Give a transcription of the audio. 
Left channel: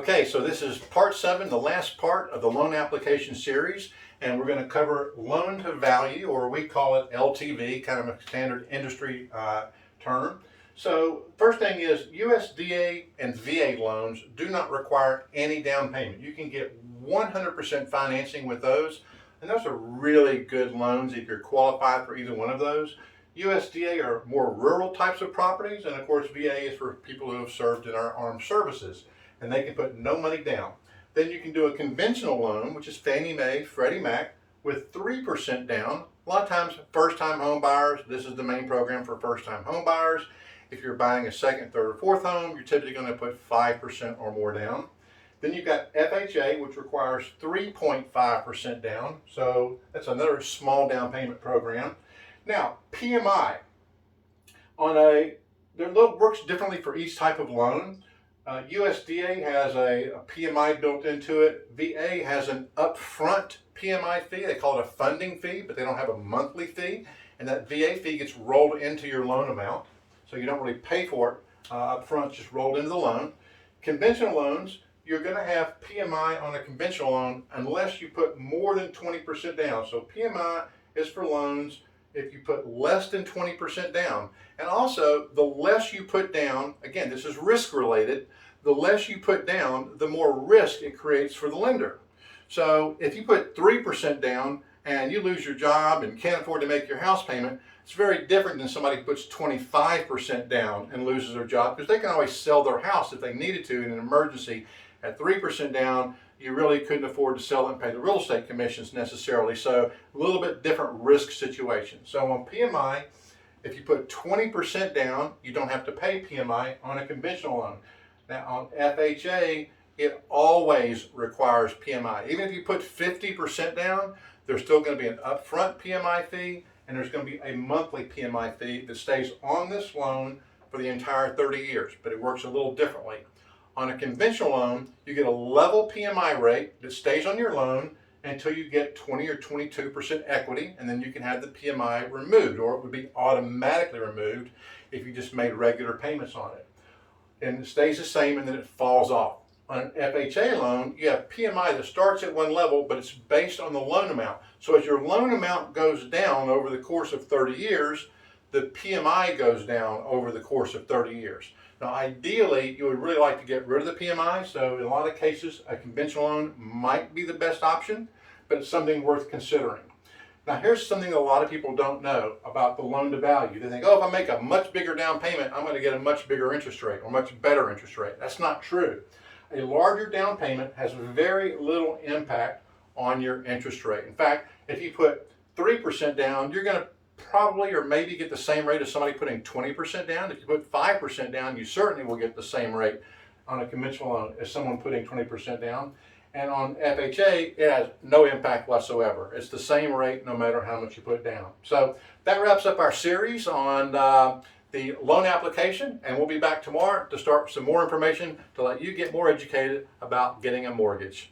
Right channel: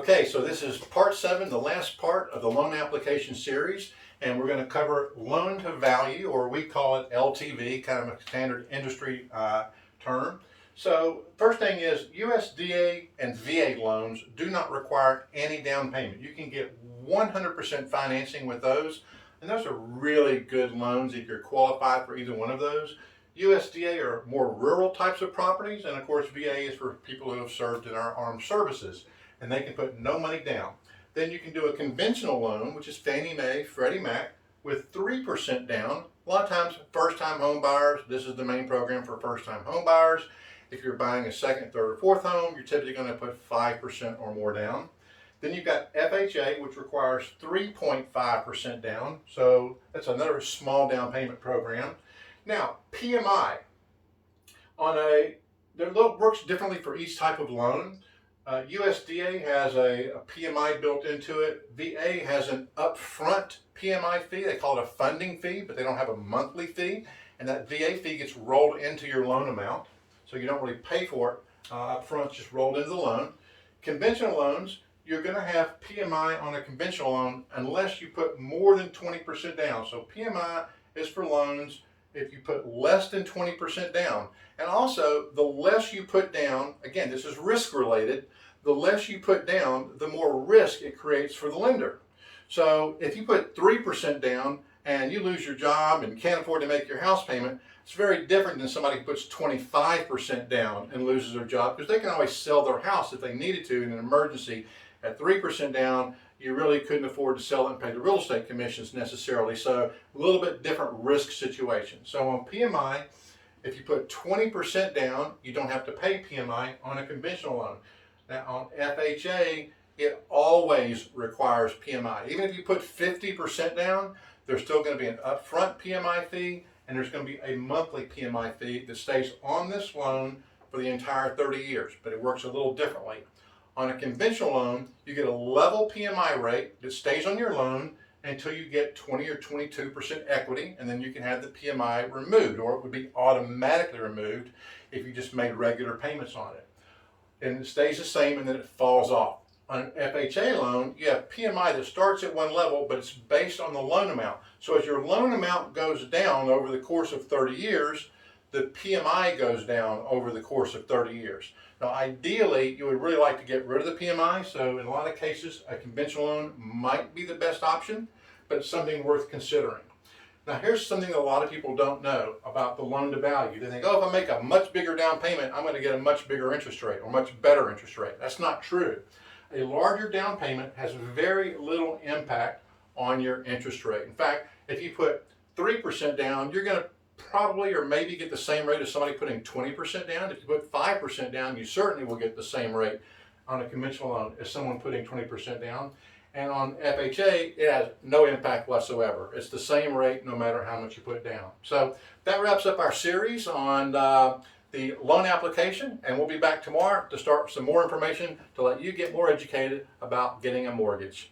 Okay, so this is part 7, the last part of the loan application series, and we're going to cover loan to value, or we call it LTV, kind of a standard industry term. So first thing is USDA and VA loans do not require any down payment. You can get 100% financing with those, and those are really good loans if you're qualified for either one of those. USDA are more rural types of properties, and of course VA is for people who have served in our armed services, and they can put no money down. Then you can do a conventional loan, which is Fannie Mae, Freddie Mac, with 3% down. A lot of times, first-time home buyers, this is the main program for first-time home buyers. If you're buying a second, third, or fourth home, you're typically going to put 5% or more down. Then you've got FHA, which requires 3.5% down. So that's another small down payment program. Now, PMI, works differently for each type of loan. USDA has a PMI built into it. VA has an upfront PMI fee. They call it a funding fee, but they don't have a monthly fee. And that VA fee gets rolled into your loan amount. So you don't really pay for it upfront, just rolled into the loan. Conventional loans, you're going to have PMI on a conventional loan unless you put more than 20% down. So PMI is for loans if you put less than 20% down. And also, the less you put down, again, this is risk related, the less you put down, the more risk it creates for the lender. So if you put 3% down and you lose your job and can't afford to make your house payment, it's very different than somebody who puts 25% down and loses their job, because they can always sell their house if they needed to in an emergency. At 3% down, you really couldn't afford to sell it and pay the real estate commissions necessarily. So a little bit different risk situation. So on PMI, if you put 20% down, you don't have to pay PMI on a conventional loan. Now on FHA, it always requires PMI. Even if you put 50% down, there's still going to be an upfront PMI fee, and there's going to be a monthly PMI fee that stays on this loan for the entire 30 years, but it works a little differently. On a conventional loan, you get a level PMI rate that stays on your loan until you get 20 or 22% equity, and then you can have the PMI removed, or it would be automatically removed if you just made regular payments on it. And it stays the same, and then it falls off. On an FHA loan, you have PMI that starts at one level, but it's based on the loan amount. So as your loan amount goes down over the course of 30 years, the PMI goes down over the course of 30 years. Now, ideally, you would really like to get rid of the PMI. So in a lot of cases, a conventional loan might be the best option, but it's something worth considering. Now, here's something a lot of people don't know about the loan to value. They think, oh, if I make a much bigger down payment, I'm going to get a much bigger interest rate or much better interest rate. That's not true. A larger down payment has very little impact on your interest rate. In fact, if you put 3% down, you're going to probably or maybe get the same rate as somebody putting 20% down. If you put 5% down, you certainly will get the same rate on a conventional loan as someone putting 20% down. And on FHA, it has no impact whatsoever. It's the same rate no matter how much you put down. So that wraps up our series on the loan application, and we'll be back tomorrow to start some more information to let you get more educated about getting a mortgage.